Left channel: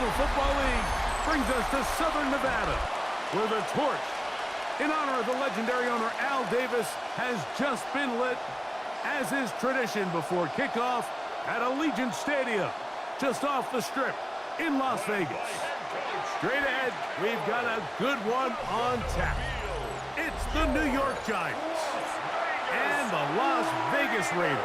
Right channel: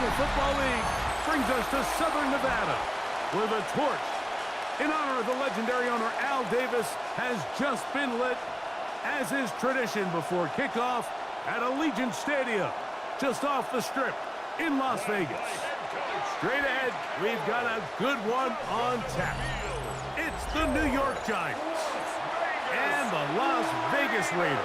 National Football League brings us to Southern Nevada, where the torch, in honor of the legendary owner Al Davis, has just been lit, as is tradition before kickoff at Allegiant Stadium, just off the Strip in Las Vegas. Straight ahead, we've got a good one on tap. It's the New York Giants and the Las Vegas Raiders.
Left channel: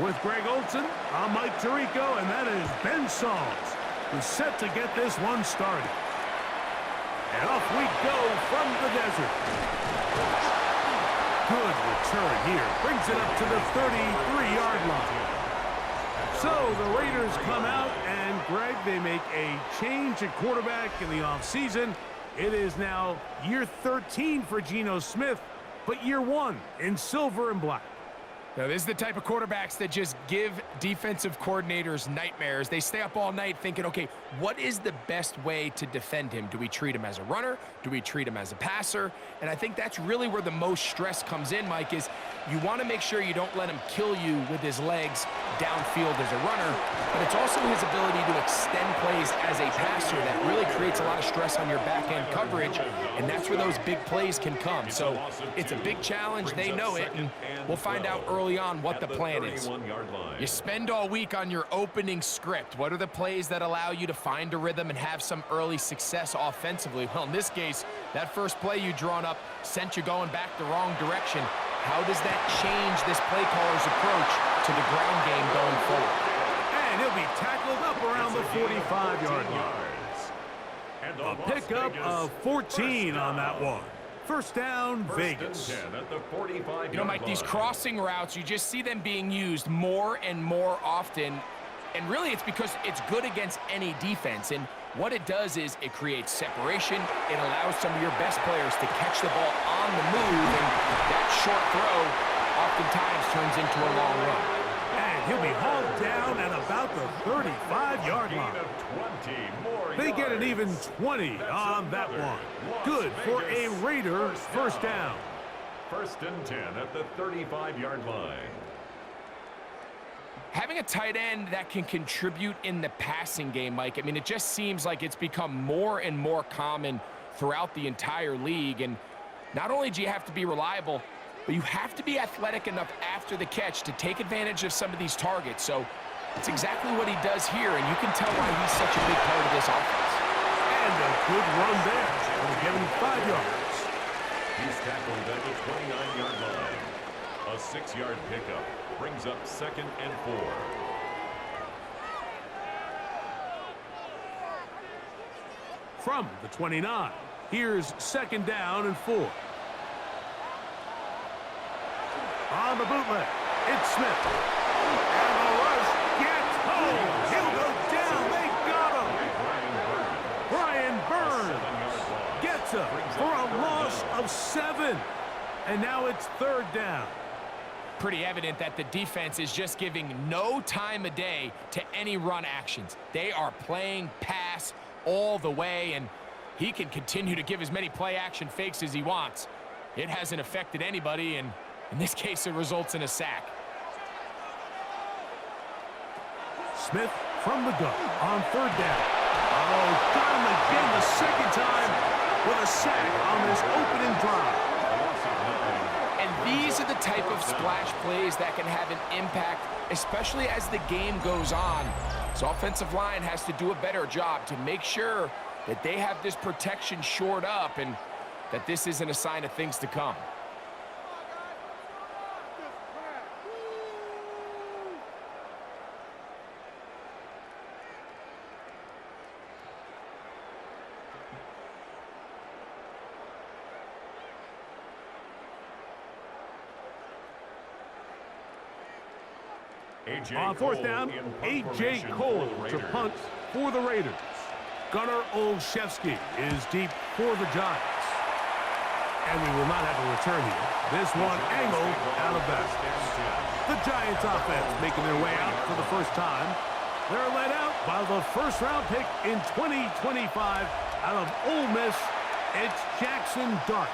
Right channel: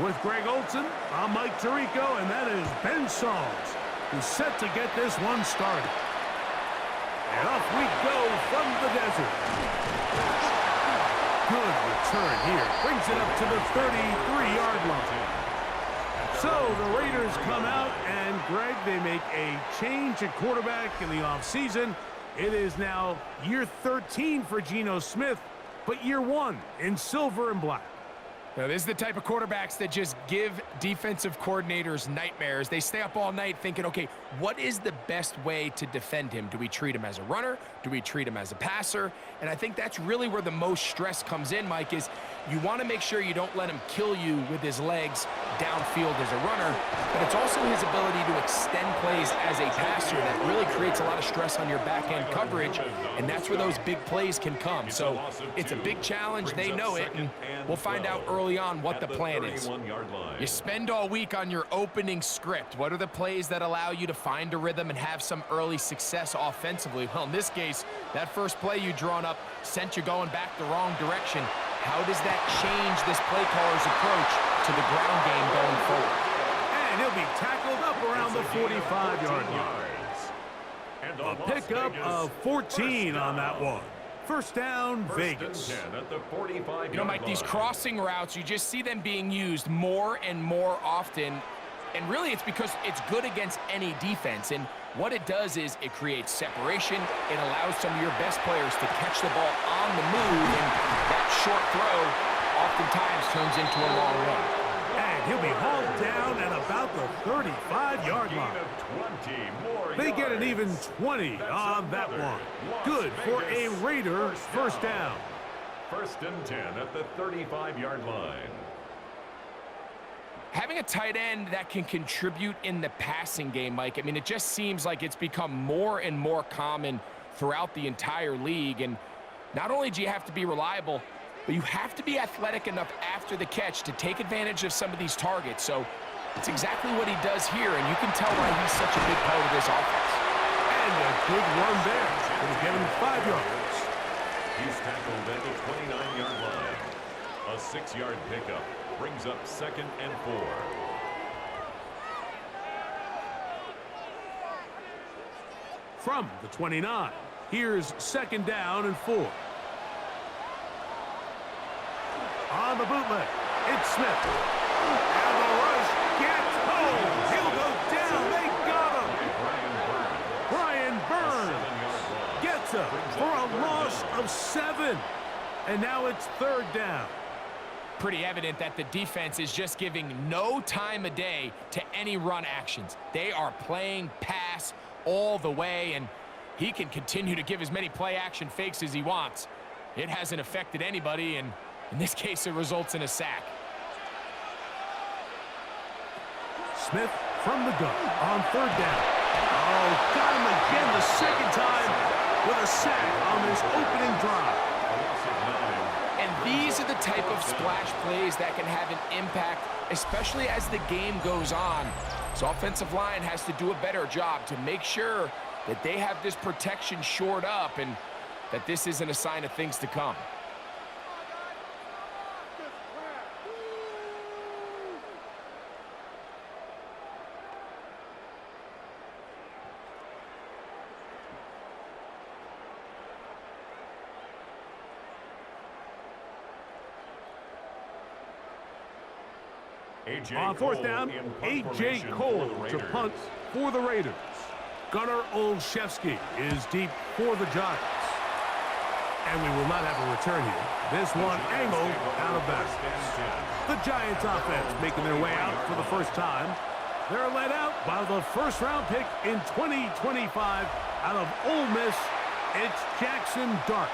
With Greg Olson, I'm Mike Tirico, and that is Ben Sauls, who's set to get this one started. And off we go from the desert. Good return here. Brings it up to the 33-yard line. So the Raiders come out, and Greg, they make a change at quarterback in the offseason. It is now year 13 for Geno Smith, but year 1 in silver and black. Now, this is the type of quarterbacks that just give defensive coordinators nightmares. They stay up all night thinking, okay, what is the best way to defend him? Do we treat him as a runner? Do we treat him as a passer? And I think that's really where the most stress comes in, Mike, is you want to make sure you don't let him kill you with his legs downfield as a runner, but it's also his ability to extend plays as a passer that really creates a lot of stress on your back-end coverage, and that's where those big plays can come. So it's a big challenge. They know it, and we'll find out early on what the plan is. You spend all week on your opening script. What are the plays that allow you to find a rhythm and have some early success offensively? Well, in this case, that first play you drawn up sent you going back the wrong direction. How does that change this play caller's approach to the ground game going forward? And he'll be tackled up around the 45-yard line. A pickup of 14 on that one. First down, Vegas. You know, Mike, these crossing routes, you just see them being used more and more often. And really, it's because it's good against any defense. And what it does is it creates separation. It allows some of your best players to catch the ball on the move. And that short throw oftentimes turns into a long run. And he'll be hauled down at about the 35-yard line. They get an even 20 on that one. Good for a Raider first down. First and 10 at the 35-yard line. Having a tight end that can contribute in the passing game, Mike, I mean, it just seems like it's become more and more common throughout the entire league. And not only do you have to be reliable, but you have to be athletic enough after the catch to take advantage of some of these targets. So it's exactly what he does here, and you can tell why he's such a big part of this offense. And a good run there. It'll give him 5 yards. He's tackled at the 29-yard line. A 6-yard pickup brings up 2nd and 4. From the 29, here's 2nd down and 4. On the bootleg, it's Smith. And the rush gets home. He'll go down. They got him. Brian Burns gets him for a loss of 7. And now it's 3rd down. Pretty evident that the defense is just giving no time of day to any run actions. They are playing pass all the way, and he can continue to give as many play action fakes as he wants. It hasn't affected anybody, and in this case, it results in a sack. Smith from the gun on 3rd down. Oh, got him again the 2nd time with a sack on this opening drive. And these are the type of splash plays that can have an impact, especially as the game goes on. So offensive line has to do a better job to make sure that they have this protection shored up and that this isn't a sign of things to come. On 4th down, A.J. Cole to punt for the Raiders. Gunnar Olszewski is deep for the Giants. And we will not have a return here. This one angled out of bounds. The Giants offense making their way out for the first time. They're led out by the first-round pick in 2025 out of Ole Miss. It's Jackson Dart.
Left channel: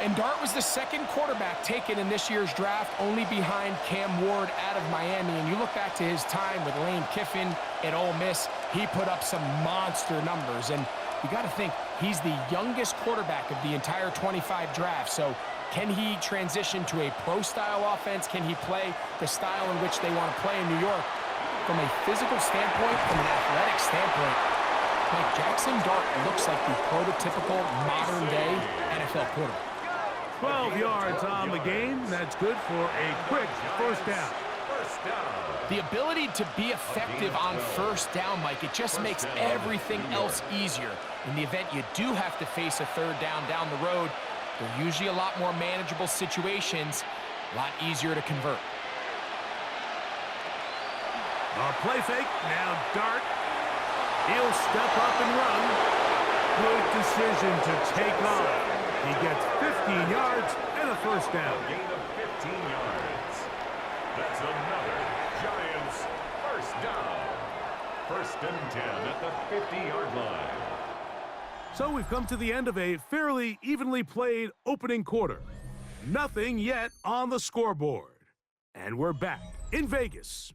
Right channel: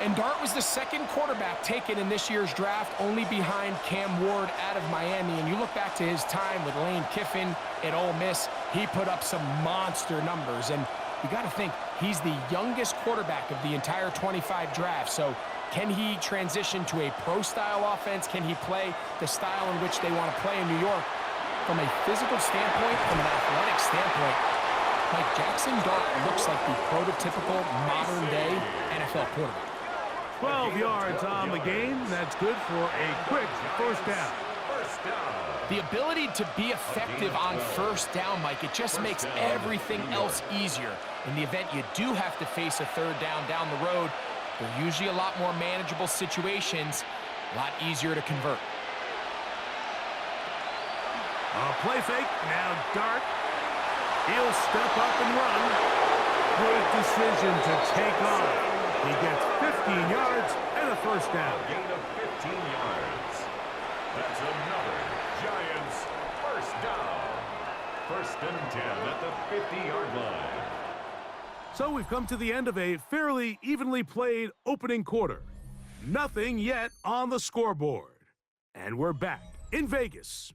And Dart was the second quarterback taken in this year's draft, only behind Cam Ward out of Miami. And you look back to his time with Lane Kiffin at Ole Miss, he put up some monster numbers. And you got to think, he's the youngest quarterback of the entire 25 draft. So can he transition to a pro-style offense? Can he play the style in which they want to play in New York? From a physical standpoint, from an athletic standpoint, Mike, Jackson Dart looks like the prototypical modern-day NFL quarterback. 12 yards on the game. That's good for a quick first down. The ability to be effective on first down, Mike, it just makes everything else easier. In the event you do have to face a third down the road, they're usually a lot more manageable situations, a lot easier to convert. A play fake. Now Dart. He'll step up and run. Good decision to take off. He gets 15 yards and a first down. A gain of 15 yards. That's another Giants first down. First and 10 at the 50-yard line. So we've come to the end of a fairly evenly played opening quarter. Nothing yet on the scoreboard. And we're back in Vegas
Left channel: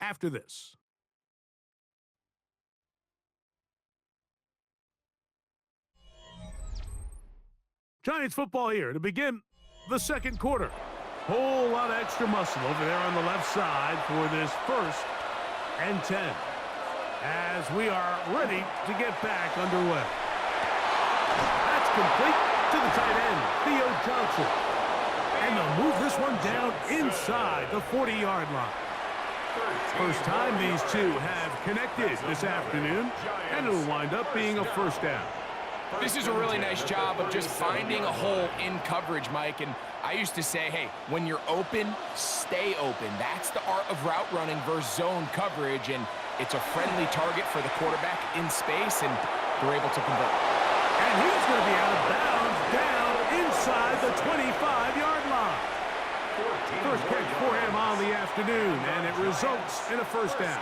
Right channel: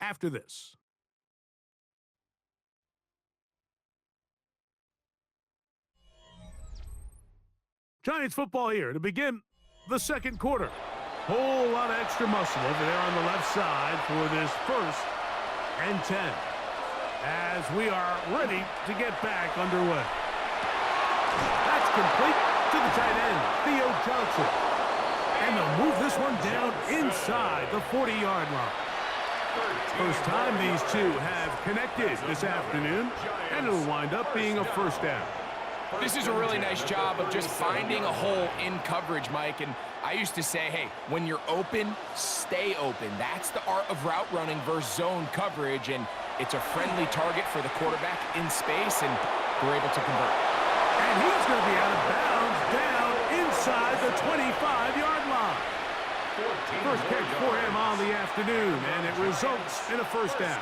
after this. Giants football here to begin the second quarter. Whole lot of extra muscle over there on the left side for this first and 10. As we are ready to get back underway. That's complete to the tight end, Theo Johnson. And they'll move this one down inside the 40-yard line. First time these two have connected this afternoon, and it'll wind up being a first down. This is a really nice job of just finding a hole in coverage, Mike. And I used to say, hey, when you're open, stay open. That's the art of route running versus zone coverage. And it's a friendly target for the quarterback in space, and they're able to convert. And he's going to be out of bounds down inside the 25-yard line. First catch for him on the afternoon, and it results in a first down.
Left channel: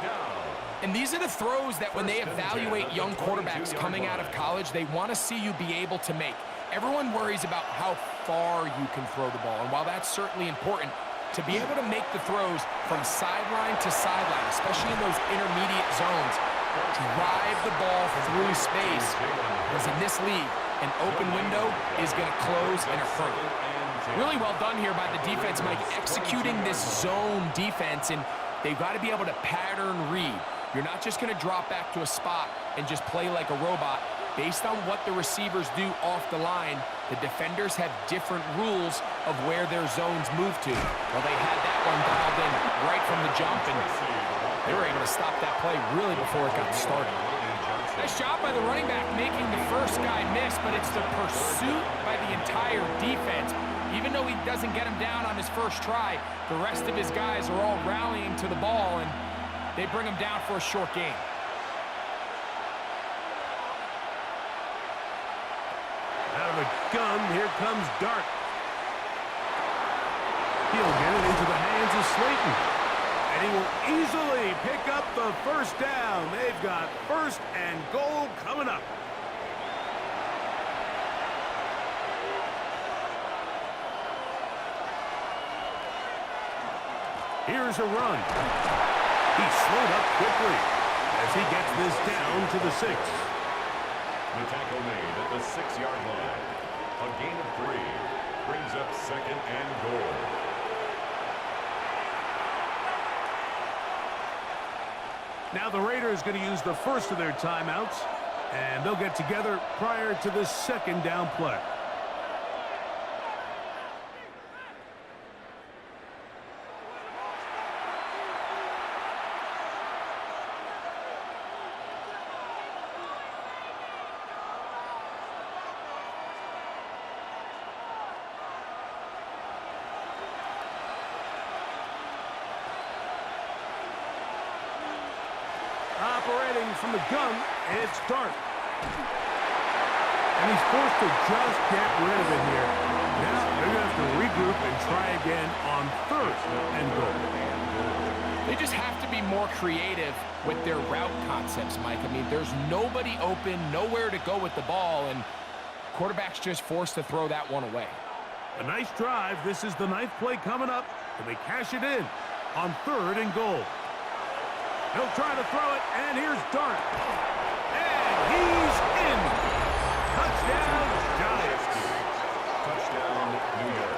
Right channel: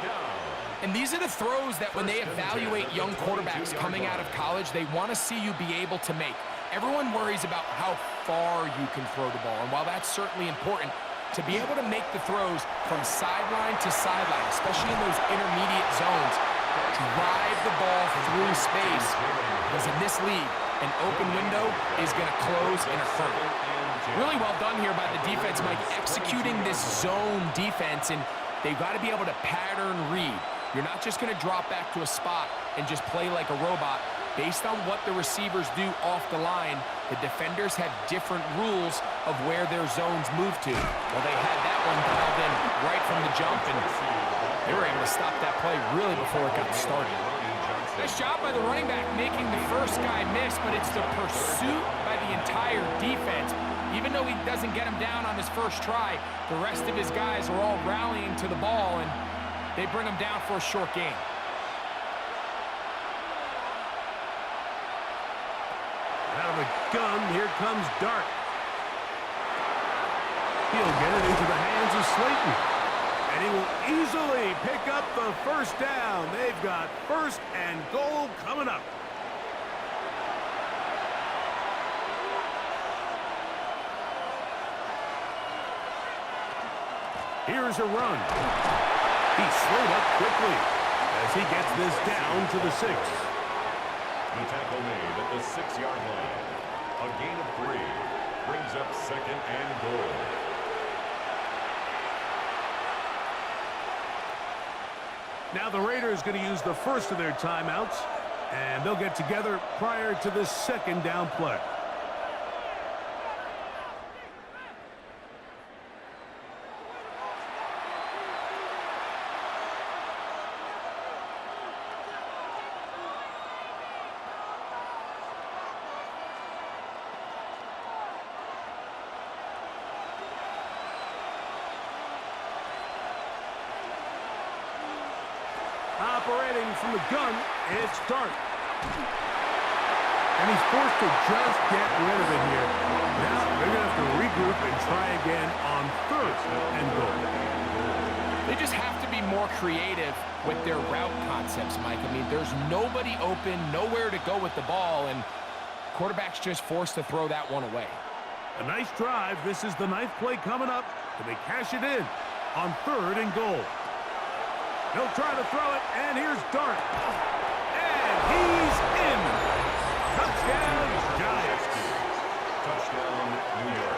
And these are the throws that when they evaluate young quarterbacks coming out of college, they want to see you be able to make. Everyone worries about how far you can throw the ball, and while that's certainly important, to be able to make the throws from sideline to sideline, especially in those intermediate zones, drive the ball through space, because in this league, an open window is going to close in a hurry. Really well done here by the defense, Mike, executing this zone defense, and they've got to be able to pattern read. You're not just going to drop back to a spot and just play like a robot. Based on what the receivers do off the line, the defenders have different rules of where their zones move to. Well, they had that one dialed in right from the jump, and they were able to stop that play really before it got started. Nice job by the running back making the first guy miss, but it's the pursuit by the entire defense. Even though he doesn't get him down on his first try, the rest of his guys are all rallying to the ball, and they bring him down for a short gain. Out of the gun, here comes Dart. He'll get it into the hands of Slayton. And he will easily pick up the first down. They've got first and goal coming up. Here's a run. He slowed up quickly as he gets this down to the 6. The tackle made at the 6-yard line. A gain of 3 brings up second and goal. Now the Raiders going to use the first of their timeouts, and they'll get together prior to this second down play. Operating from the gun, it's Dart. And he's forced to just get rid of it here. Now they're going to have to regroup and try again on 3rd and goal. They just have to be more creative with their route concepts, Mike. I mean, there's nobody open, nowhere to go with the ball, and quarterback's just forced to throw that one away. A nice drive. This is the 9th play coming up. Can they cash it in on 3rd and goal? He'll try to throw it, and here's Dart. And he's in. Touchdown, Giants. Touchdown, New York.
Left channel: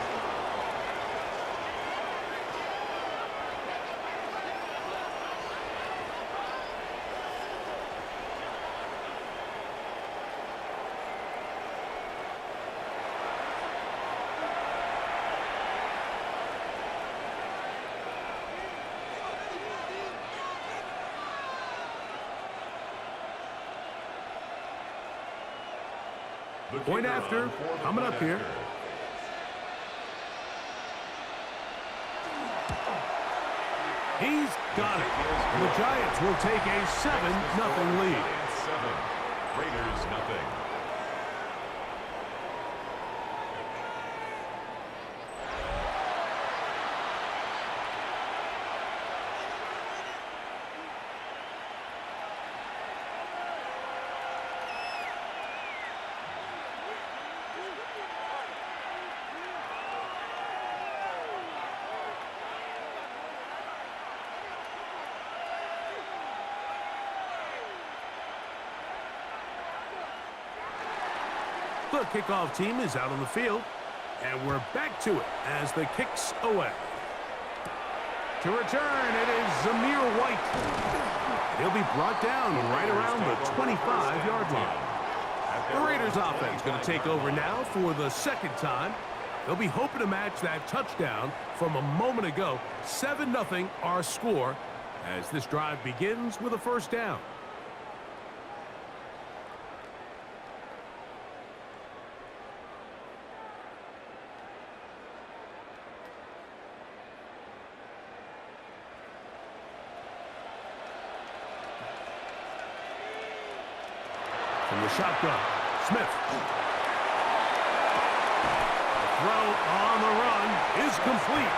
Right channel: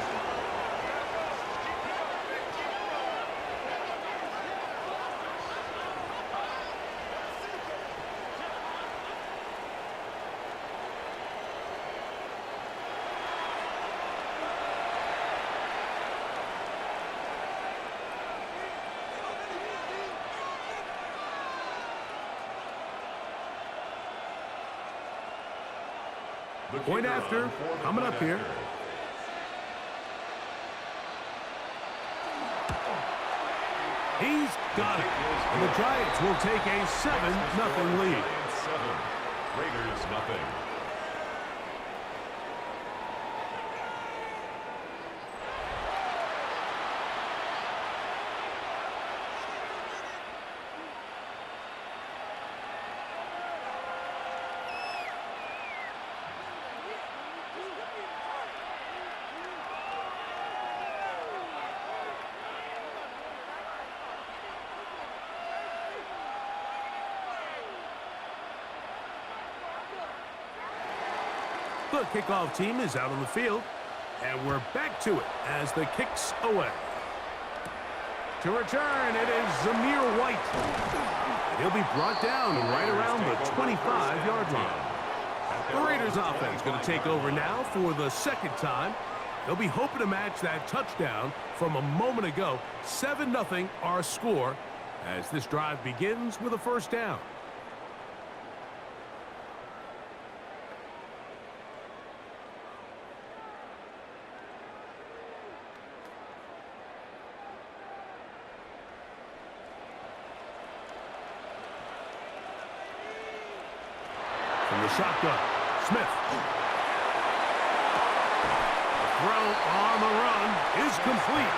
Point after, coming up here. He's got it. And the Giants will take a 7-0 lead. Giants 7, Raiders nothing. The kickoff team is out on the field, and we're back to it as the kick's away. To return, it is Zamir White. And he'll be brought down right around the 25-yard line. The Raiders offense going to take over now for the 2nd time. They'll be hoping to match that touchdown from a moment ago. 7-0 our score as this drive begins with a 1st down. From the shotgun, Smith. The throw on the run is complete.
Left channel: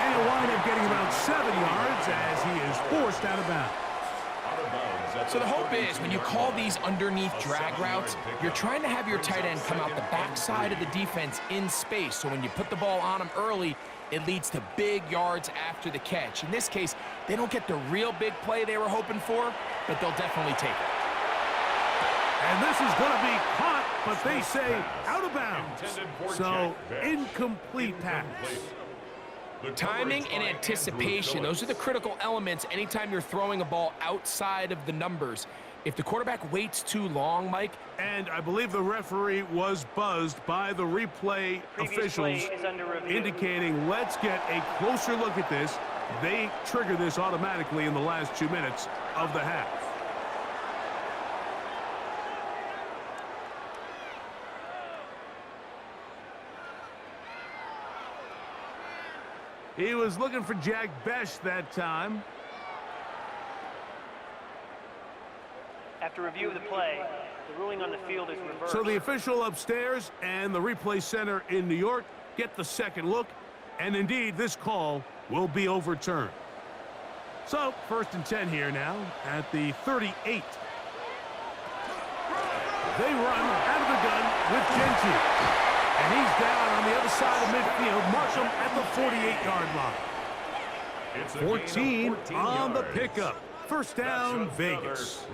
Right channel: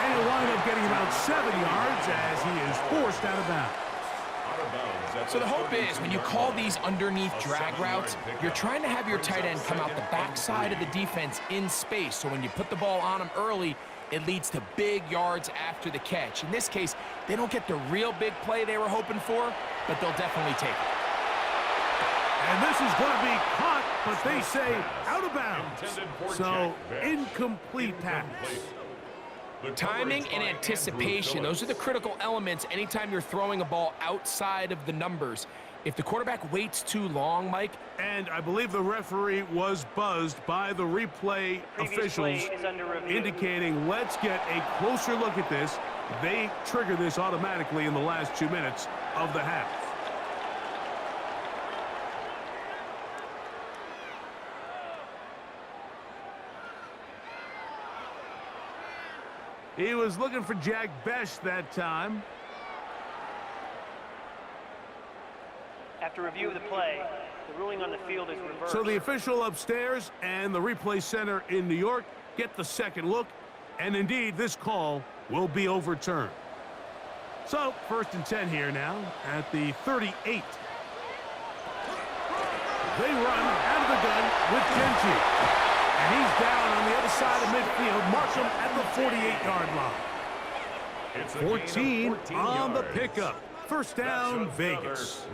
And he'll wind up getting about 7 yards as he is forced out of bounds. So the hope is when you call these underneath drag routes, you're trying to have your tight end come out the backside of the defense in space. So when you put the ball on him early, it leads to big yards after the catch. In this case, they don't get the real big play they were hoping for, but they'll definitely take it. And this is going to be caught, but they say out of bounds. So incomplete pass. Timing and anticipation, those are the critical elements anytime you're throwing a ball outside of the numbers. If the quarterback waits too long, Mike. And I believe the referee was buzzed by the replay officials indicating let's get a closer look at this. They trigger this automatically in the last 2 minutes of the half. He was looking for Jack Besh that time. After review of the play, the ruling on the field is reversed. So the official upstairs and the replay center in New York get the 2nd look, and indeed this call will be overturned. So 1st and 10 here now at the 38. They run out of the gun with Genty. And he's down on the other side of midfield. Mark him at the 48-yard line. 14 on the pickup. 1st down, Vegas.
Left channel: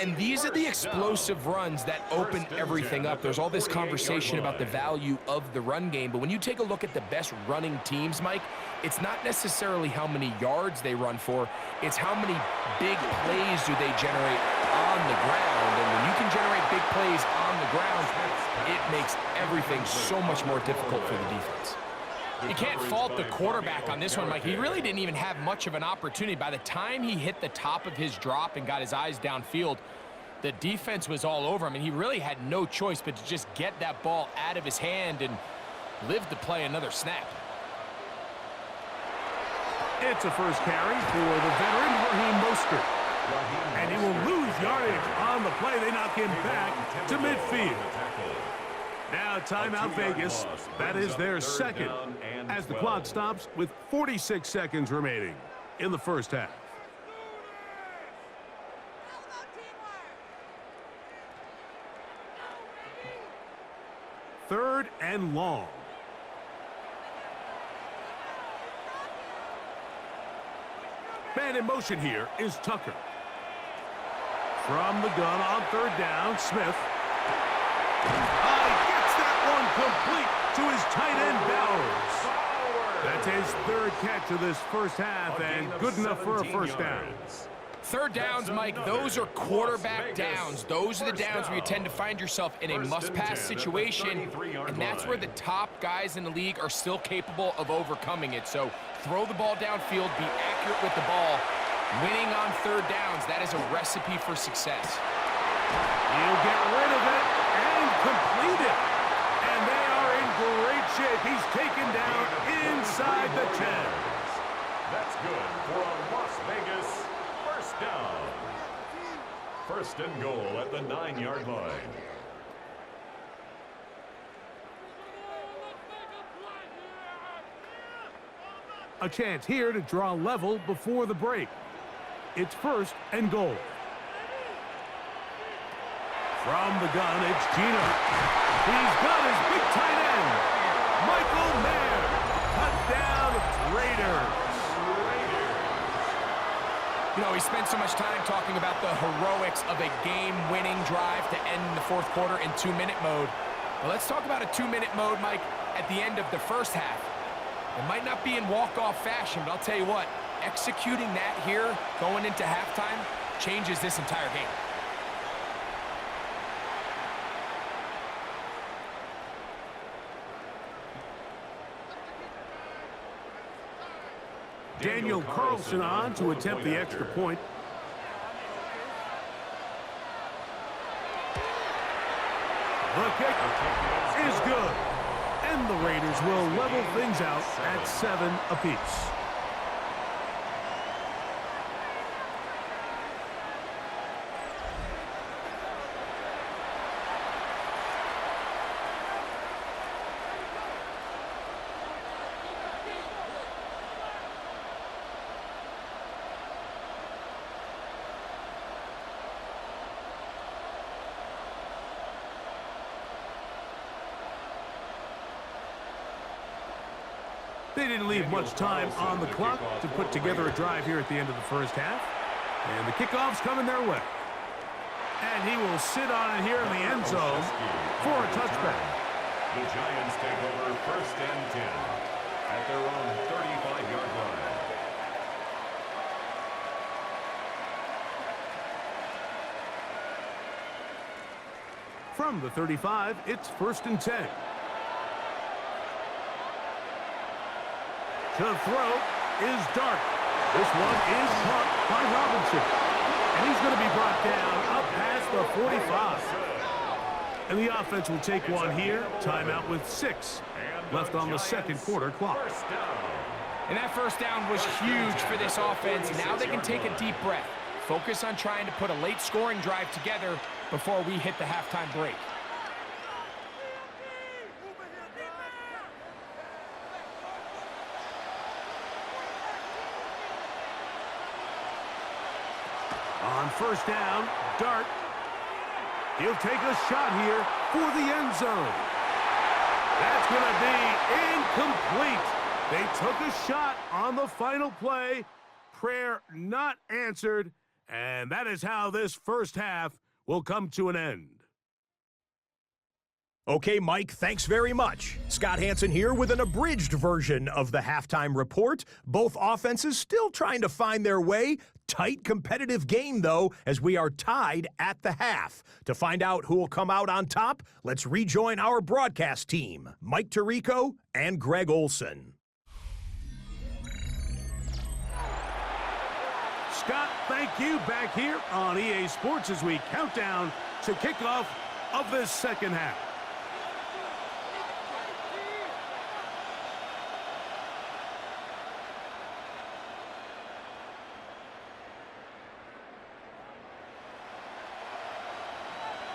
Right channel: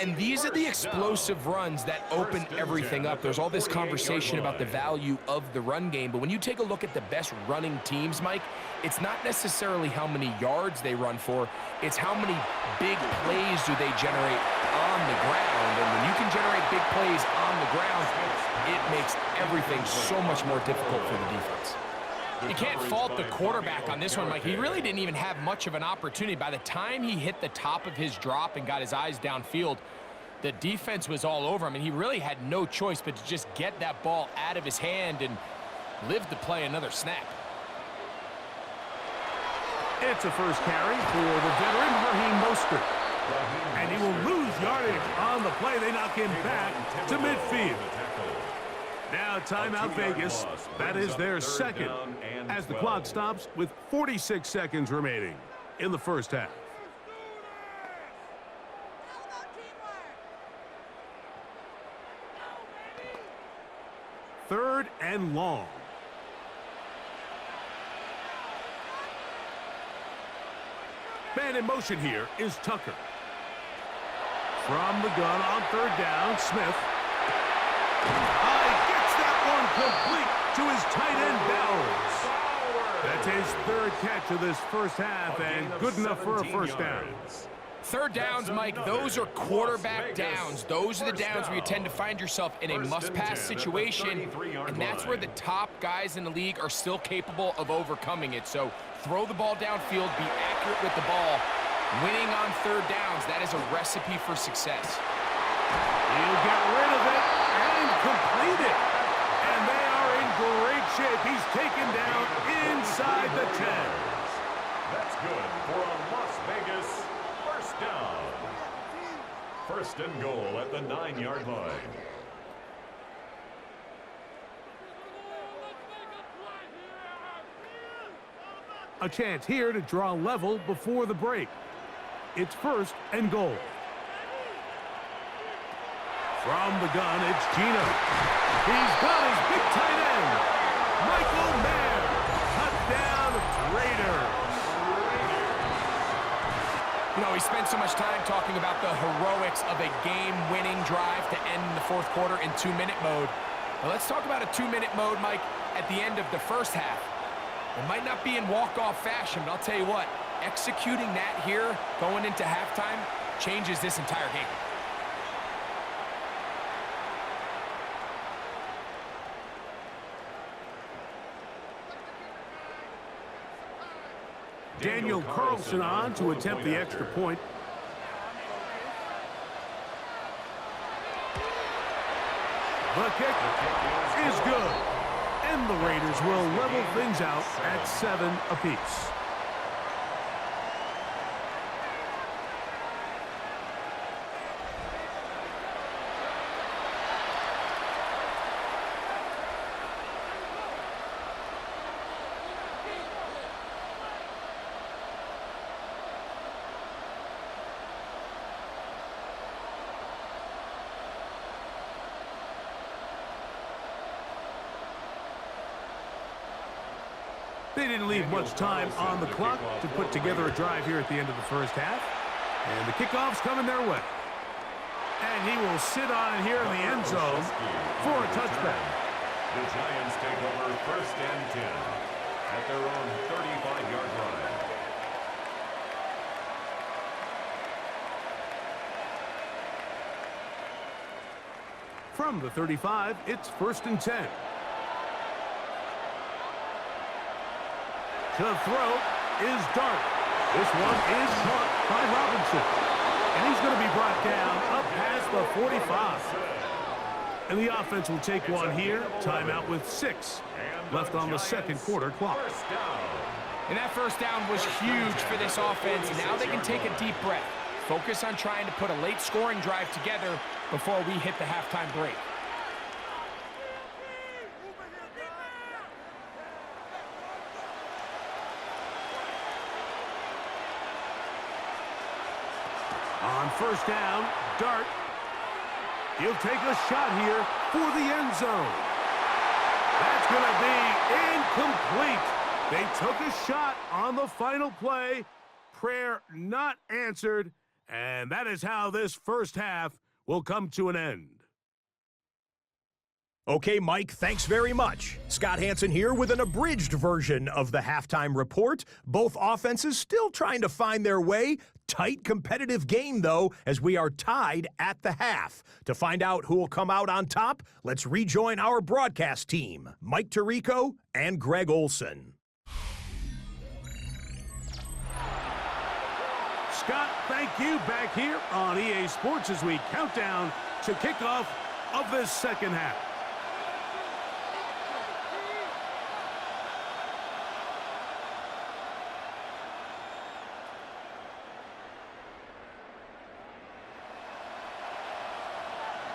And these are the explosive runs that open everything up. There's all this conversation about the value of the run game, but when you take a look at the best running teams, Mike, it's not necessarily how many yards they run for, it's how many big plays do they generate on the ground. And when you can generate big plays on the ground, it makes everything so much more difficult for the defense. You can't fault the quarterback on this one, Mike. He really didn't even have much of an opportunity. By the time he hit the top of his drop and got his eyes downfield, the defense was all over him, and he really had no choice but to just get that ball out of his hand and live to play another snap. It's a 1st carry for the veteran Raheem Mostert. And he will lose yardage on the play. They knock him back to midfield. Now timeout Vegas. That is their second as the clock stops with 46 seconds remaining in the first half. Third and long. Man in motion here is Tucker. From the gun on third down, Smith. Gets that one complete to his tight end, Bowers. That's his third catch of this first half and good enough for a first down. Third downs, Mike, those are quarterback downs. Those are the downs where you tend to find yourself in a must-pass situation, and that's where the top guys in the league are still capable of overcoming it. So throw the ball downfield, be accurate with the ball. Winning on third downs, that is a recipe for success. He'll get rid of it and complete it. And they are in great shape. He's taken down inside the 10. That's good for a Las Vegas first down. First and goal at the 9-yard line. A chance here to draw level before the break. It's first and goal. From the gun, it's Gino. He's got his big tight end, Michael Mayer. Touchdown, Raiders. You know, we spent so much time talking about the heroics of a game-winning drive to end the fourth quarter in 2-minute mode. Now let's talk about a 2-minute mode, Mike, at the end of the first half. It might not be in walk-off fashion, but I'll tell you what, executing that here going into halftime changes this entire game. Daniel Carlson on to attempt the extra point. The kick is good. And the Raiders will level things out at 7 apiece. They didn't leave much time on the clock to put together a drive here at the end of the first half. And the kickoff's coming their way. And he will sit on it here in the end zone for a touchback. The Giants take over first and 10 at their own 35-yard line. From the 35, it's first and 10. To throw is Dart. This one is caught by Robinson. And he's going to be brought down up past the 45. And the offense will take one here. Timeout with 6 left on the second quarter clock. And that first down was huge for this offense. Now they can take a deep breath. Focus on trying to put a late scoring drive together before we hit the halftime break. On first down, Dart. He'll take a shot here for the end zone. That's going to be incomplete. They took a shot on the final play. Prayer not answered. And that is how this first half will come to an end. Okay, Mike, thanks very much. Scott Hansen here with an abridged version of the halftime report. Both offenses still trying to find their way. Tight competitive game, though, as we are tied at the half. To find out who will come out on top, let's rejoin our broadcast team, Mike Tirico and Greg Olson. Scott, thank you. Back here on EA Sports as we count down to kickoff of this second half.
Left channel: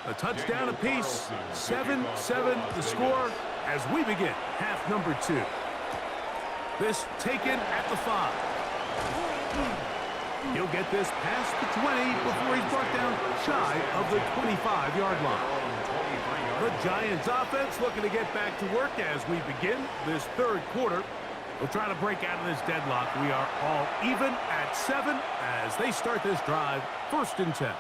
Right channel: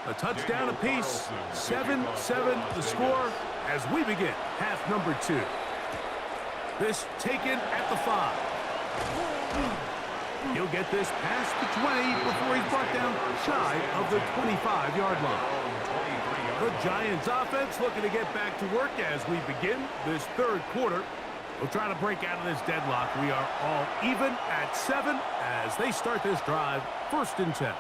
A touchdown apiece. 7-7 the score as we begin half number 2. This taken at the 5. He'll get this past the 20 before he's brought down shy of the 25-yard line. The Giants offense looking to get back to work as we begin this third quarter. We'll try to break out of this deadlock. We are all even at 7 as they start this drive, 1st and 10.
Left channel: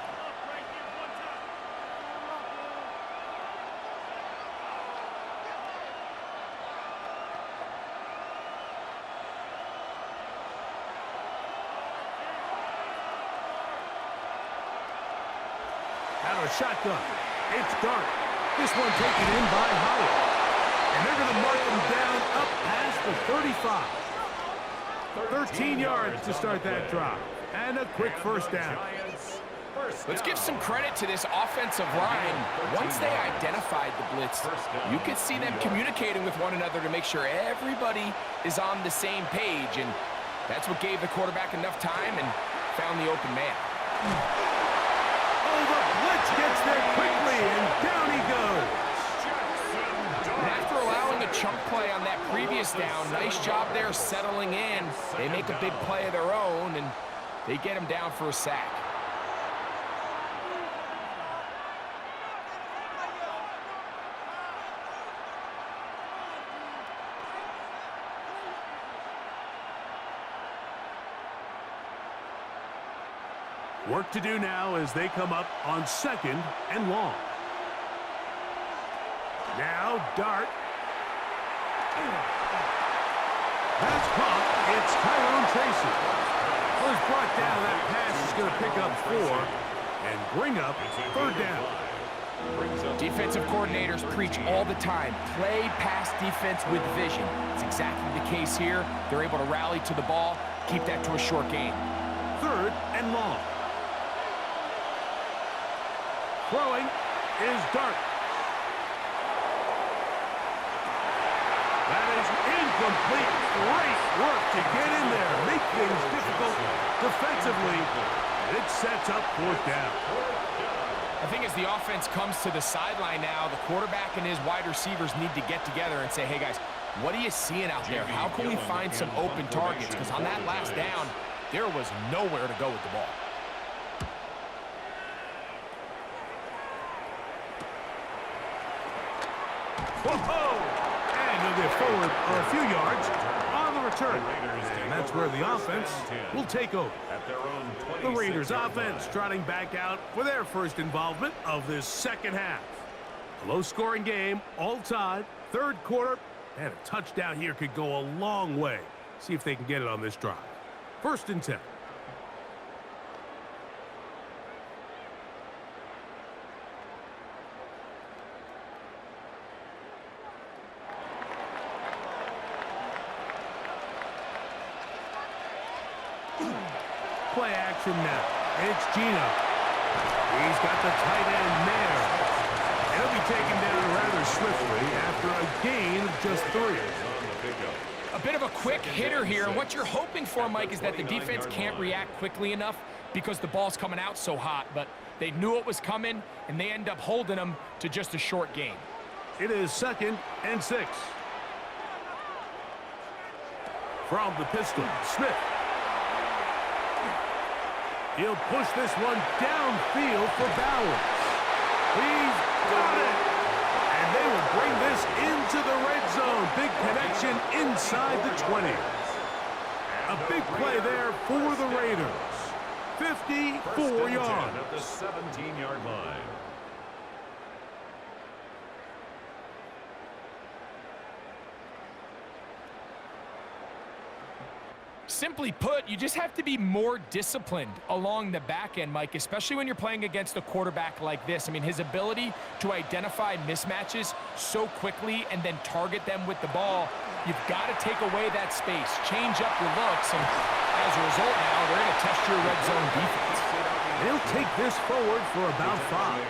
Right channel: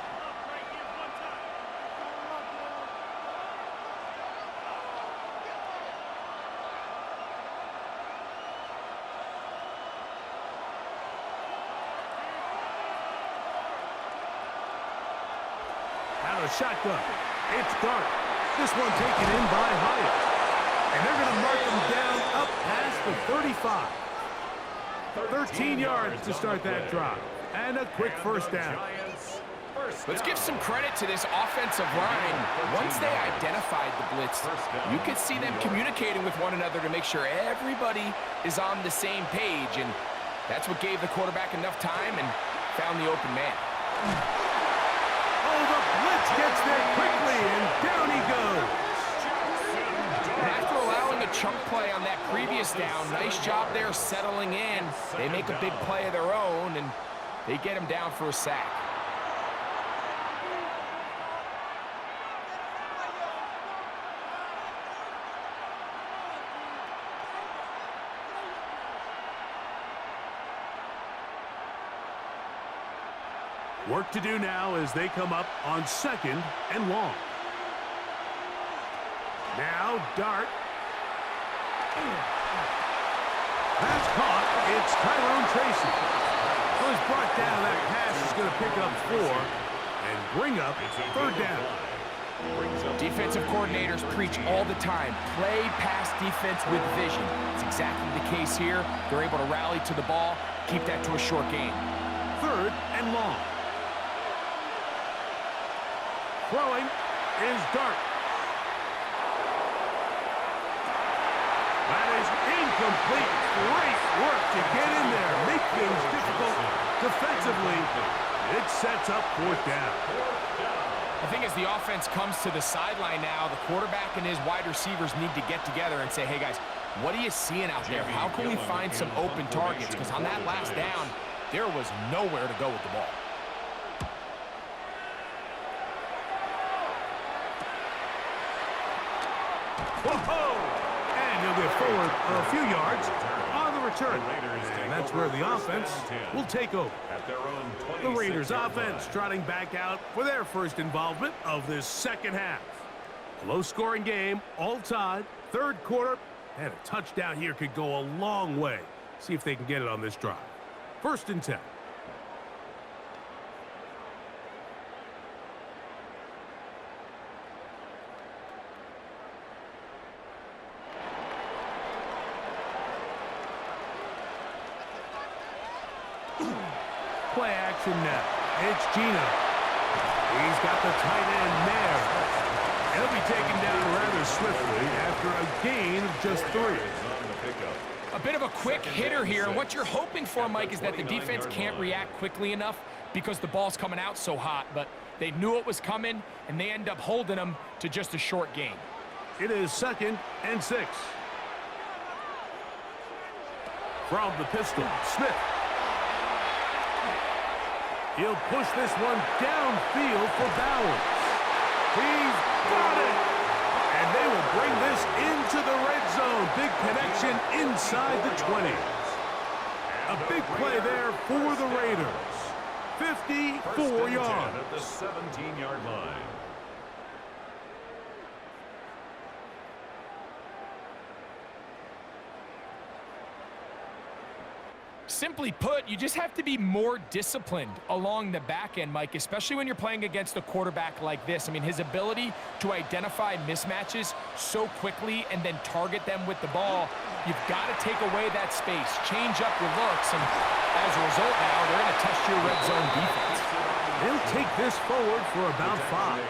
Out of shotgun. It's Dart. This one taken in by Hyatt. And they're going to mark him down up past the 35. 13 yards to start that drive. And a quick first down. Let's give some credit to this offensive line. Once they identified the blitz, you could see them communicating with one another to make sure everybody is on the same page. And that's what gave the quarterback enough time and found the open man. Oh, the blitz gets there quickly, and down he goes. And after allowing a chunk play on that previous down, nice job there settling in. They make a big play of their own, and they get him down for a sack. Work to do now as they come up on 2nd and long. Now Dart. That's caught. It's Tyrone Tracy. Well, he's brought down. That pass is going to pick up 4 and bring up 3rd down. Defensive coordinators preach all the time, play pass defense with vision. It's exactly the case here. They're able to rally to the ball, keep that to a short game. 3rd and long. Throwing is Dart. That is incomplete. Great work to get in there, make things difficult defensively. It sets up 4th down. I think as the offense comes to the sideline now, the quarterback and his wide receivers need to get together and say, hey guys, what are you seeing out there? How can we find some open targets? Because on that last down, there was nowhere to go with the ball. Whoa! And he'll get forward a few yards on the return. And that's where the offense will take over. The Raiders offense trotting back out for their first involvement of this second half. A low-scoring game, all tied, 3rd quarter, and a touchdown here could go a long way. See if they can get it on this drive. 1st and 10. Play action now. It's Gino. He's got the tight end there. And he'll be taken down rather swiftly after a gain of just 3. A bit of a quick hitter here. What you're hoping for, Mike, is that the defense can't react quickly enough because the ball's coming out so hot. But they knew it was coming, and they end up holding them to just a short gain. It is 2nd and 6. From the pistol, Smith. He'll push this one downfield for Bowers. He's got it! And they will bring this into the red zone. Big connection inside the 20. A big play there for the Raiders. 54 yards. At the 17-yard line. Simply put, you just have to be more disciplined along the back end, Mike, especially when you're playing against a quarterback like this. I mean, his ability to identify mismatches so quickly and then target them with the ball, you've got to take away that space, change up your looks, and as a result now, they're going to test your red zone defense. They'll take this forward for about 5.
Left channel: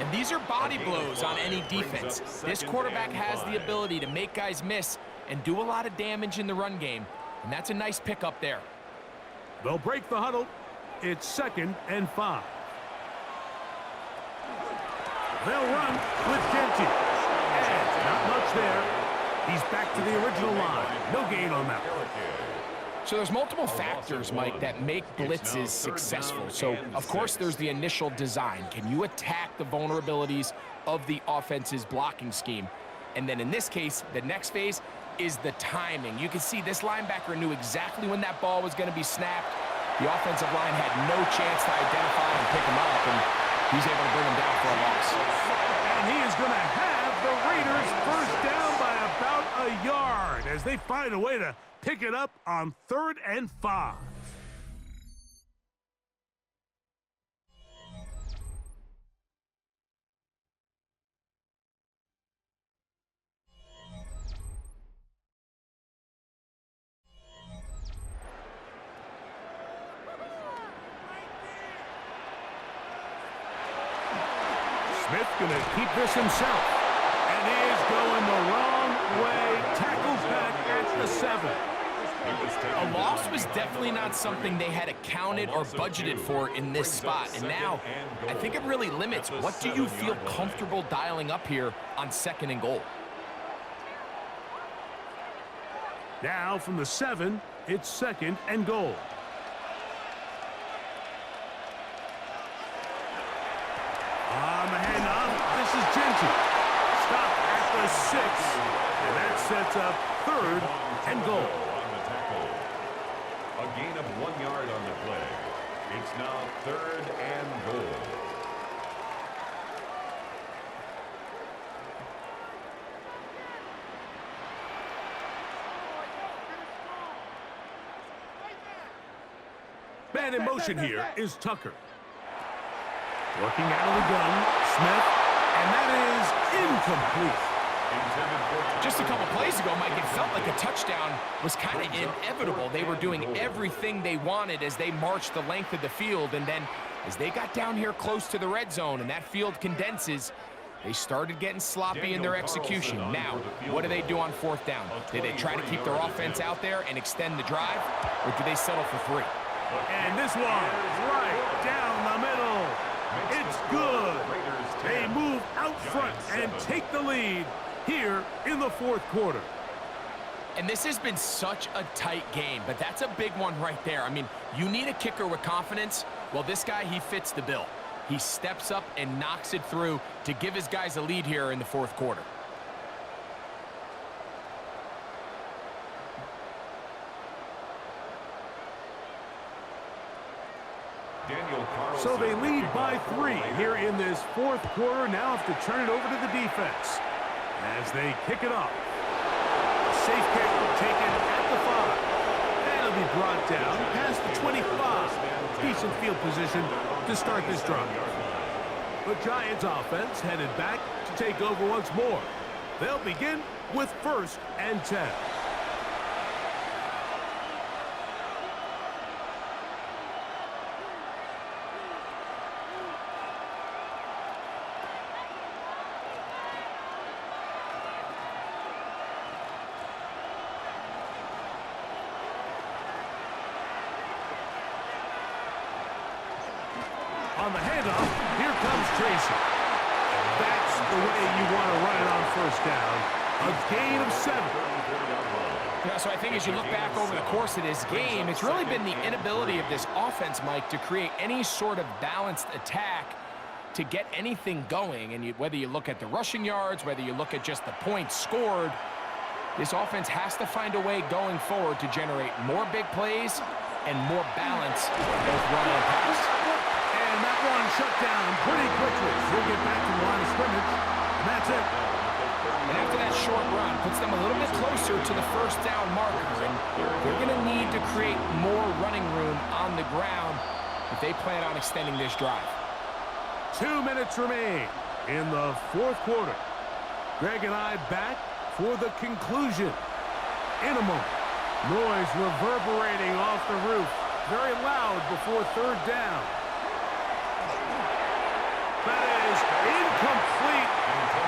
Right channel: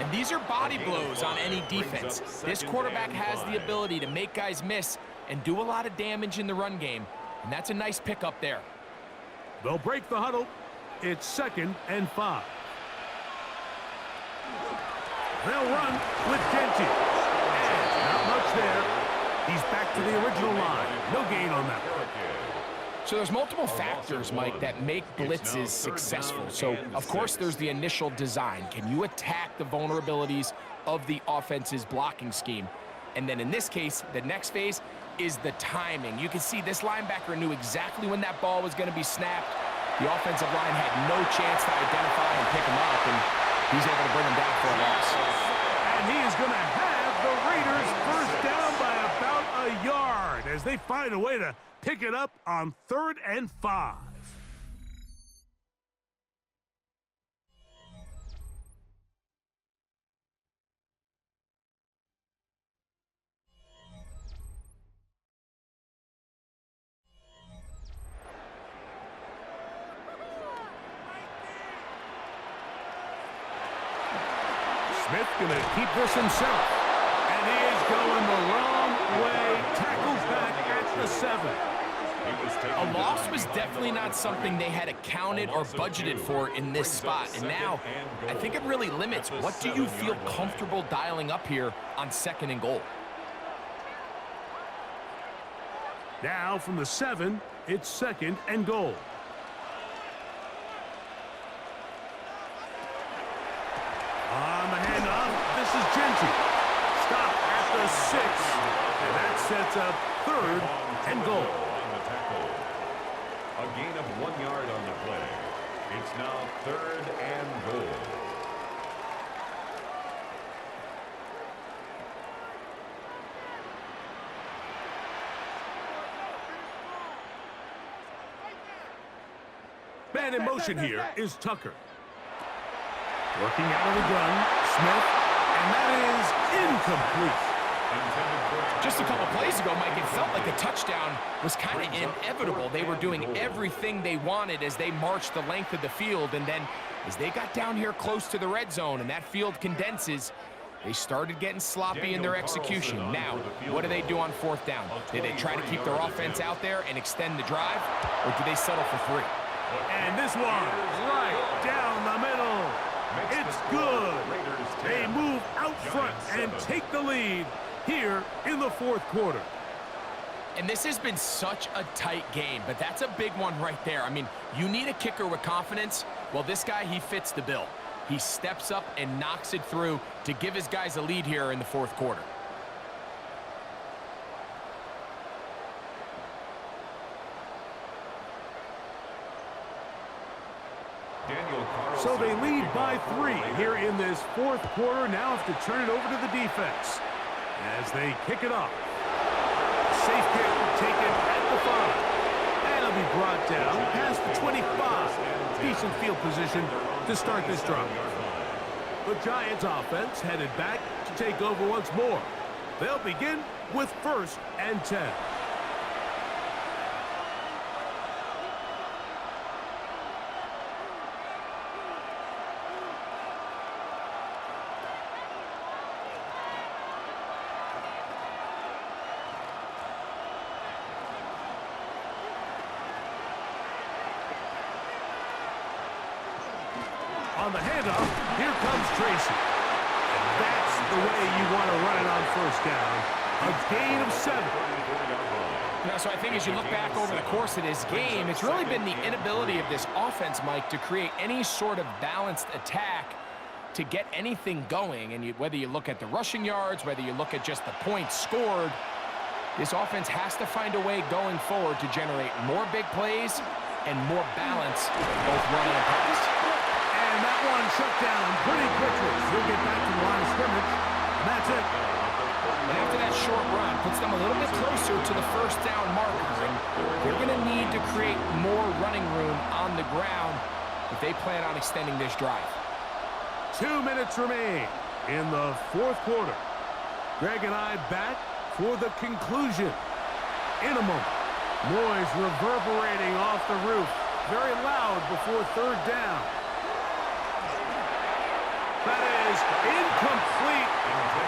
And these are body blows on any defense. This quarterback has the ability to make guys miss and do a lot of damage in the run game. And that's a nice pickup there. They'll break the huddle. It's 2nd and 5. They'll run with Genty. And not much there. He's back to the original line. No gain on that one. So there's multiple factors, Mike, that make blitzes successful. So, of course, there's the initial design. Can you attack the vulnerabilities of the offense's blocking scheme? And then in this case, the next phase is the timing. You can see this linebacker knew exactly when that ball was going to be snapped. The offensive line had no chance to identify and pick him up, and he's able to bring him down for a loss. And he is going to have the Raiders first down by about a yard as they find a way to pick it up on 3rd and 5. Smith going to keep this himself. And he is going the wrong way. Tackles back at the 7. A loss was definitely not something they had accounted or budgeted for in this spot. And now, I think it really limits what do you feel comfortable dialing up here on 2nd and goal. Now from the 7, it's 2nd and goal. On the handoff, this is Genty. Stop at the 6, and that sets up 3rd and goal. On the tackle. A gain of 1 yard on the play. It's now 3rd and goal. Man in motion here is Tucker. Working out of the gun, Smith, and that is incomplete. Just a couple plays ago, Mike, it felt like a touchdown was kind of inevitable. They were doing everything they wanted as they marched the length of the field, and then as they got down here close to the red zone and that field condenses, they started getting sloppy in their execution. Now, what do they do on 4th down? Did they try to keep their offense out there and extend the drive, or do they settle for 3? And this one, right down the middle. It's good. They move out front and take the lead here in the 4th quarter. And this has been such a tight game, but that's a big one right there. I mean, you need a kicker with confidence. Well, this guy, he fits the bill. He steps up and knocks it through to give his guys a lead here in the 4th quarter. So they lead by 3 here in this 4th quarter. Now have to turn it over to the defense as they kick it off. Safe kick taken at the 5. And it'll be brought down past the 25. Decent field position to start this drive. The Giants offense headed back to take over once more. They'll begin with 1st and 10. On the handoff, here comes Tracy. And that's the way you want to run it on 1st down. A gain of 7. Yeah, so I think as you look back over the course of this game, it's really been the inability of this offense, Mike, to create any sort of balanced attack to get anything going. And whether you look at the rushing yards, whether you look at just the points scored, this offense has to find a way going forward to generate more big plays and more balance, both run and pass. And that one shut down pretty quickly. He'll get back to the line of scrimmage, and that's it. And after that short run, puts them a little bit closer to the 1st down marker, and they're going to need to create more running room on the ground if they plan on extending this drive. 2 minutes remain in the 4th quarter. Greg and I back for the conclusion. In a moment, noise reverberating off the roof. Very loud before 3rd down. That is incomplete.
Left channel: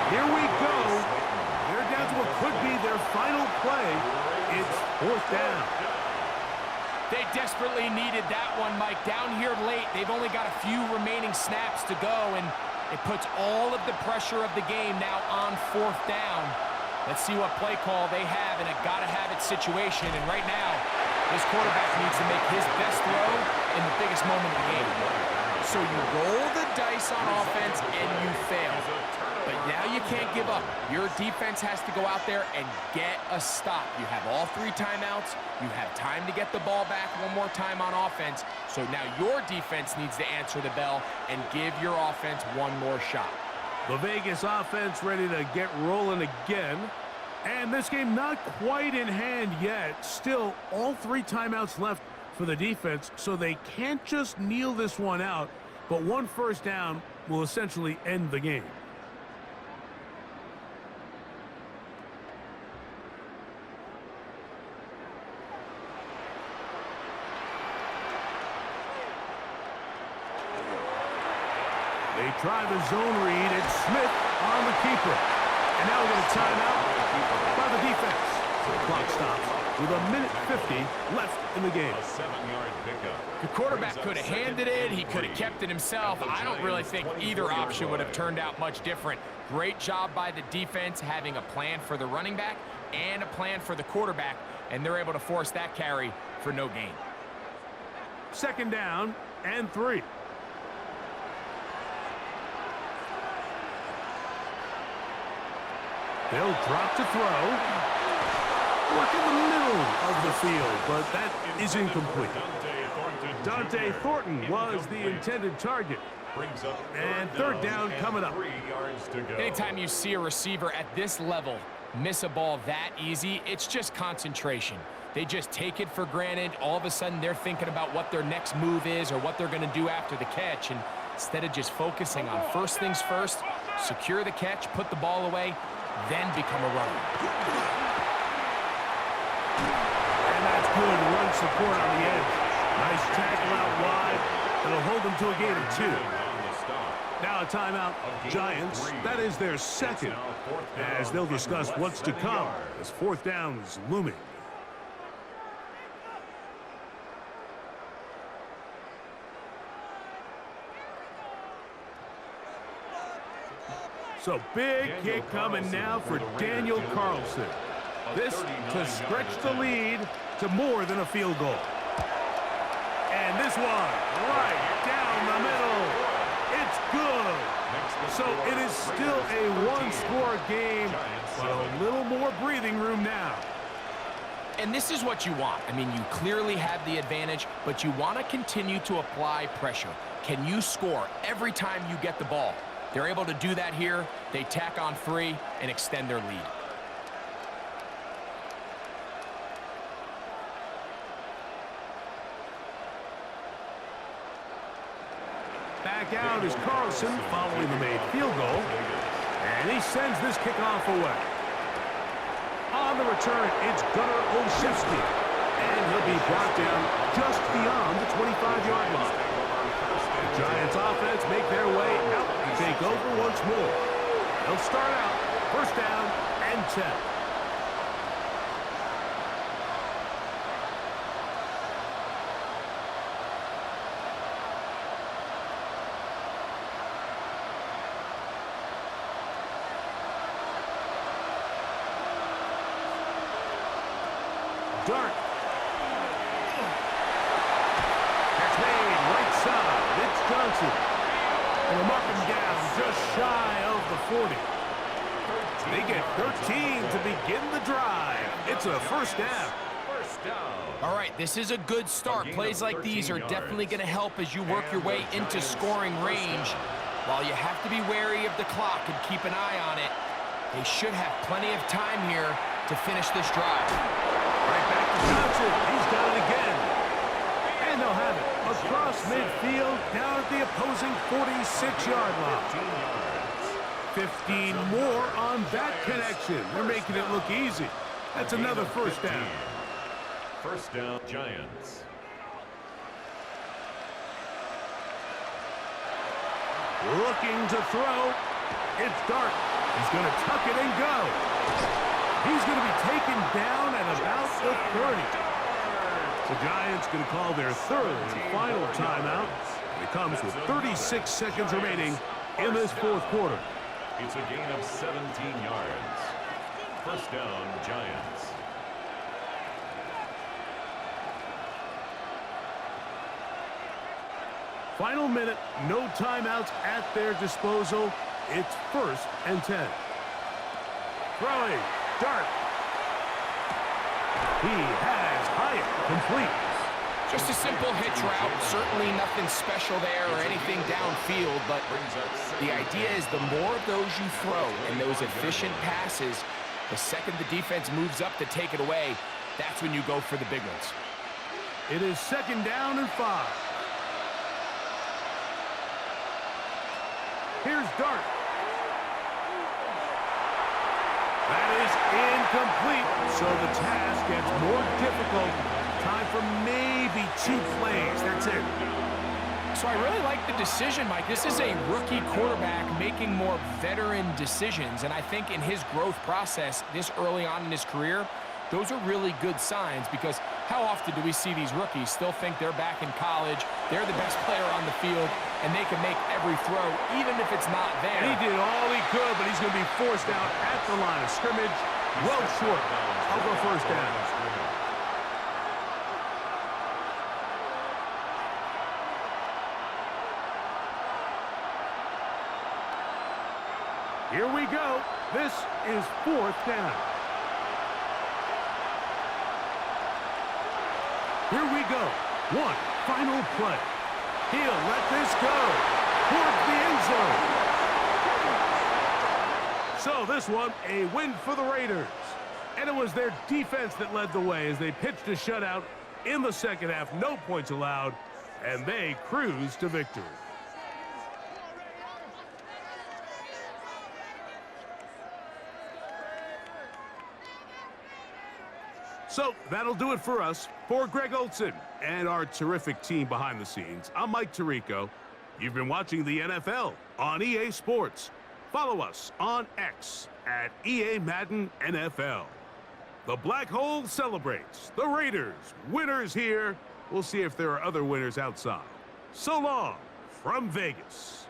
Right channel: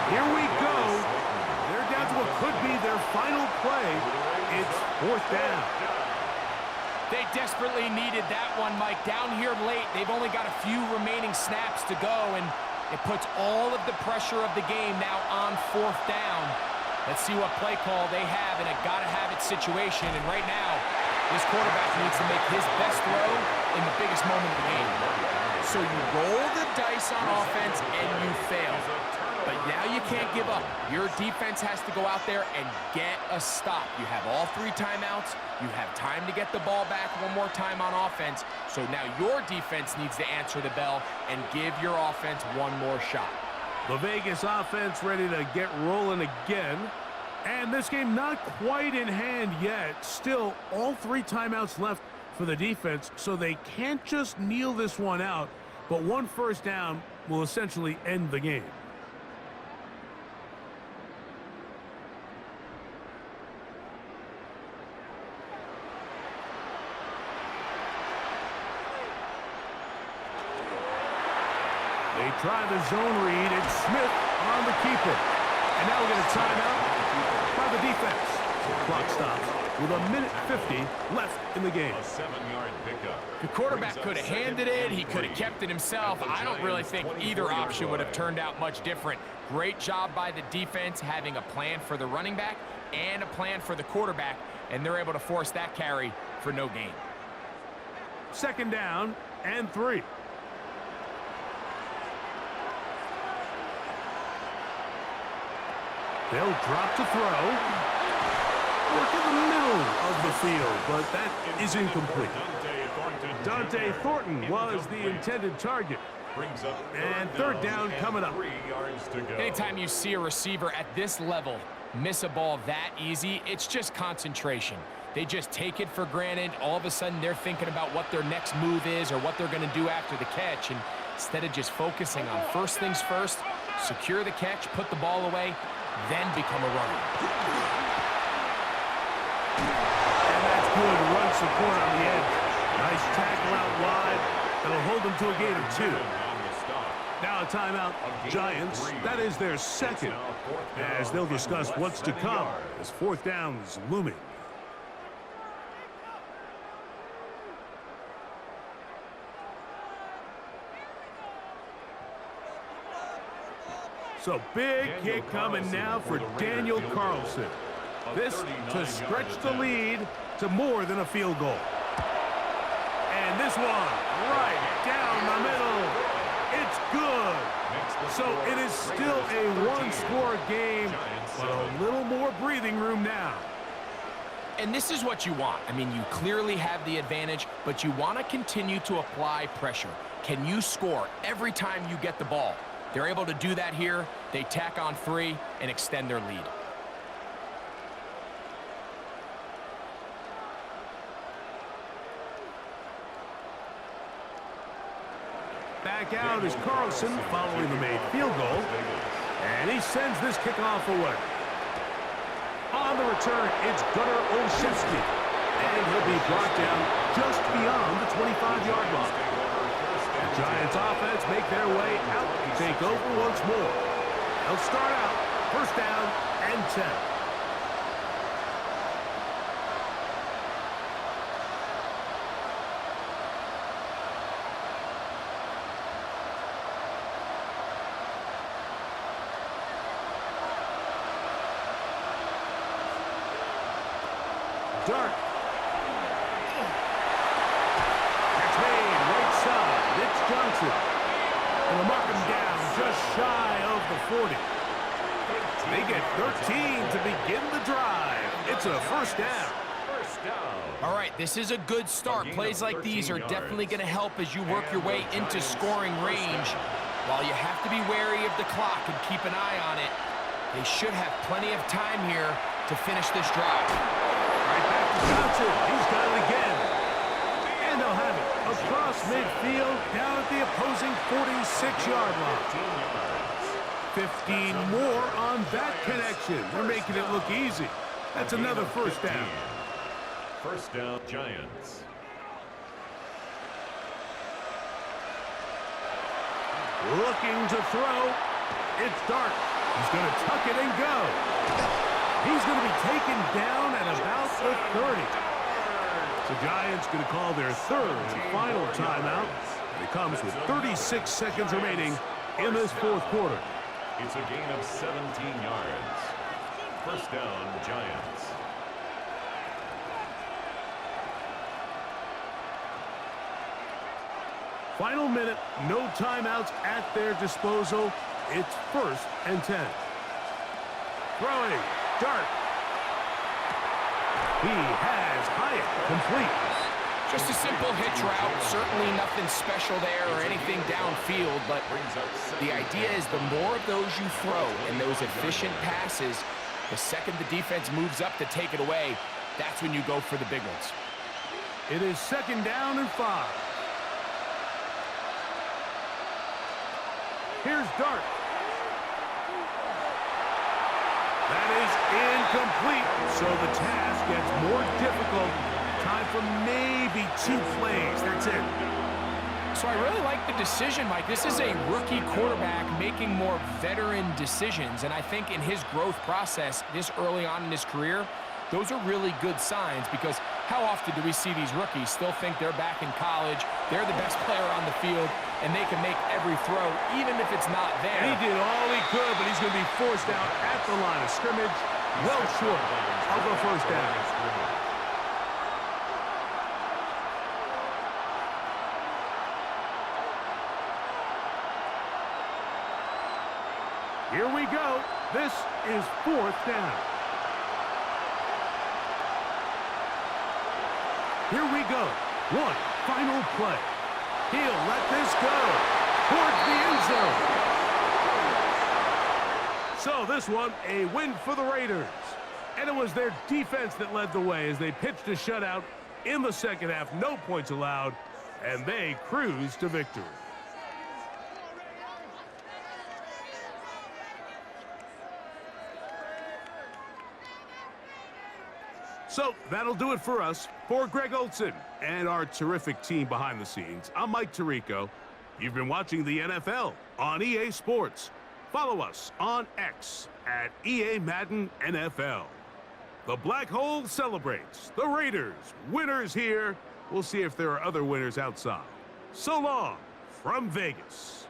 Here we go. They're down to what could be their final play. It's 4th down. They desperately needed that one, Mike. Down here late, they've only got a few remaining snaps to go, and It puts all of the pressure of the game now on 4th down. Let's see what play call they have in a gotta-have-it situation. And right now, this quarterback needs to make his best throw in the biggest moment of the game. So you roll the dice on offense and you fail. But now you can't give up. Your defense has to go out there and get a stop. You have all 3 timeouts. You have time to get the ball back one more time on offense. So now your defense needs to answer the bell and give your offense one more shot. The Vegas offense ready to get rolling again. And this game not quite in hand yet. Still, all 3 timeouts left for the defense, so they can't just kneel this one out. But 1 first down will essentially end the game. They try the zone read. It's Smith on the keeper. And now we get a timeout by the defense. So the clock stops with 1:50 left in the game. A 7-yard pickup. The quarterback could have handed it. He could have kept it himself. I don't really think either option would have turned out much different. Great job by the defense having a plan for the running back and a plan for the quarterback, and they're able to force that carry for no gain. 2nd down and 3. They'll drop to throw. Work in the middle of the field, but that is incomplete. Dante Thornton was the intended target. And 3rd down coming up. 3 yards to go. Anytime you see a receiver at this level miss a ball that easy, it's just concentration. They just take it for granted. All of a sudden, they're thinking about what their next move is or what they're going to do after the catch. And instead of just focusing on first things first, secure the catch, put the ball away, then become a runner. And that's good run support on the edge. Nice tackle out wide. That'll hold them to a gain of 2. Now a timeout. Giants. That is their 2nd. As they'll discuss what's to come as 4th down is looming. So big kick coming now for Daniel Carlson. This to stretch the lead to more than a field goal. And this one right down the middle. It's good. So it is still a 1-score game, but a little more breathing room now. And this is what you want. I mean, you clearly have the advantage, but you want to continue to apply pressure. Can you score every time you get the ball? They're able to do that here. They tack on 3 and extend their lead. Back out is Carlson following the made field goal. And he sends this kickoff away. On the return, it's Gunnar Olszewski. And he'll be brought down just beyond the 25-yard line. The Giants offense make their way out to take over once more. They'll start out 1st down and 10. Dart. Catch made right side. It's Johnson. And they'll mark him down just shy of the 40. They get 13 to begin the drive. It's a 1st down. All right, this is a good start. Plays like these are definitely going to help as you work your way into scoring range. While you have to be wary of the clock and keep an eye on it, they should have plenty of time here to finish this drive. Right back to Johnson. He's got it again. And they'll have it across midfield down at the opposing 46-yard line. 15 more on that connection. They're making it look easy. That's another 1st down. 1st down, Giants. Looking to throw. It's Dart. He's going to tuck it and go. He's going to be taken down at about the 30. The Giants going to call their 3rd and final timeout. And it comes with 36 seconds remaining in this fourth quarter. It's a gain of 17 yards. First down, Giants. Final minute, no timeouts at their disposal. It's 1st and 10. Throwing, dart. He has Hyatt complete. Just a simple hitch route. Certainly nothing special there or anything downfield, but the idea is the more of those you throw and those efficient passes, the second the defense moves up to take it away, that's when you go for the big ones. It is 2nd down and 5. Here's Dart. That is incomplete, so the task gets more difficult. Time for maybe 2 plays. That's it. So I really like the decision, Mike. This is a rookie quarterback making more veteran decisions, and I think in his growth process this early on in his career, those are really good signs, because how often do we see these rookies still think they're back in college, they're the best player on the field, and they can make every throw, even if it's not there. And he did all he could, but he's going to be forced out at the line of scrimmage. Well short of a first down. Here we go. This is 4th down. Here we go. One final play. He'll let this go towards the end zone. So this one, a win for the Raiders. And it was their defense that led the way as they pitched a shutout in the second half. No points allowed, and they cruised to victory. So that'll do it for us. For Greg Olson and our terrific team behind the scenes, I'm Mike Tirico. You've been watching the NFL on EA Sports. Follow us on X at EA Madden NFL. The Black Hole celebrates. The Raiders, winners here. We'll see if there are other winners outside. So long from Vegas.